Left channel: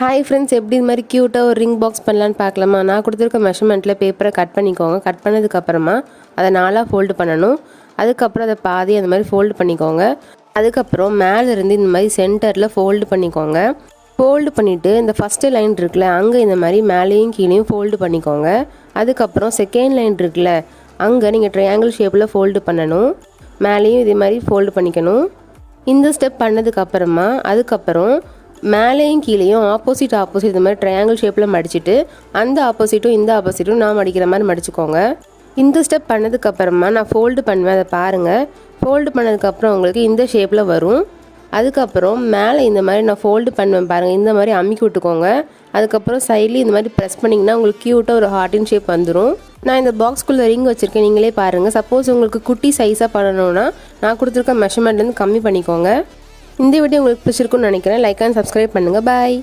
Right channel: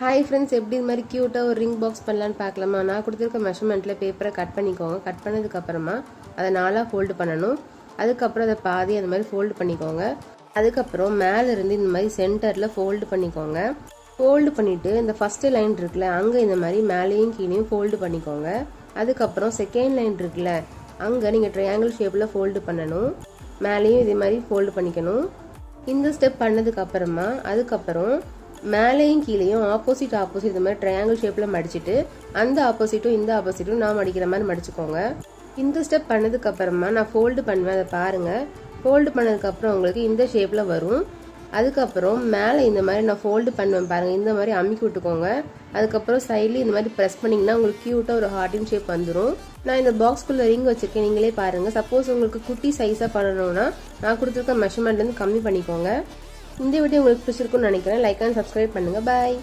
Hi friends, எப்படி இது மாதிரி க்யூட்டாக ஒரு ரிங் பாக்ஸ் பண்ணலான்னு பார்க்கலாமா? நான் கொடுத்துருக்க மெஷர்மெண்ட்டில் பேப்பரை கட் பண்ணிக்கோங்க. கட் பண்ணதுக்கப்புறமா அதை 4ஆக ஃபோல்டு பண்ணணும். அதுக்கப்புறம் அதை பாதி அந்த மாதிரி ஃபோல்டு பண்ணிக்கோங்க. அதுக்கப்புறம் மேலேருந்து இந்த மாதிரி சென்டரில் ஃபோல்டு பண்ணிக்கோங்க. ஃபோல்டு பண்ணிவிட்டு இந்த ஃபஸ்ட்டு லைன் இருக்குல்ல, அங்கே இந்த மாதிரி மேலேயும் கீழேயும் ஃபோல்டு பண்ணிக்கோங்க. அதுக்கப்புறம் செகண்ட் லைன் இருக்குல்ல, அங்கே நீங்கள் ட்ரையாங்கிள் ஷேப்பில் ஃபோல்டு பண்ணணும். மேலேயும் இதே மாதிரி ஃபோல்டு பண்ணிக்கணும். இந்த ஸ்டெப் பண்ணதுக்கப்புறமா அதுக்கப்புறம் மேலேயும் கீழேயும் ஆப்போசிட் இந்த மாதிரி ட்ரையாங்கிள் ஷேப்பில் மடிச்சுட்டு அந்த ஆப்போசிட்டும் இந்த ஆப்போசிட்டும் நான் மடிக்கிற மாதிரி மடிச்சுக்கோங்க. இந்த ஸ்டெப் பண்ணதுக்கப்புறமா நான் ஃபோல்டு பண்ணுவேன், அதை பாருங்கள். ஃபோல்டு பண்ணதுக்கப்புறம் உங்களுக்கு இந்த ஷேப்பில் வரும். அதுக்கப்புறம் மேலே இந்த மாதிரி நான் ஃபோல்டு பண்ணுவேன் பாருங்கள், இந்த மாதிரி அமுக்கி விட்டுக்கோங்க. அதுக்கப்புறம் சைட்லேயும் இந்த மாதிரி ப்ரெஸ் பண்ணிங்கன்னா உங்களுக்கு க்யூட்டாக ஒரு ஹார்ட்டின் ஷேப் வந்துடும். நான் இந்த பாக்ஸ்குள்ளே ரிங் வச்சுருக்கேன், நீங்களே பாருங்கள். சப்போஸ் உங்களுக்கு குட்டி சைஸாக பண்ணணும்னா நான் கொடுத்துருக்க மெஷர்மெண்ட்லேருந்து கம்மி பண்ணிக்கோங்க. இந்த வீடியோ உங்களுக்கு பிடிச்சிருக்குன்னு நினைக்கிறேன். லைக் அண்ட் சப்ஸ்கிரைப் பண்ணுங்கள். பாய்.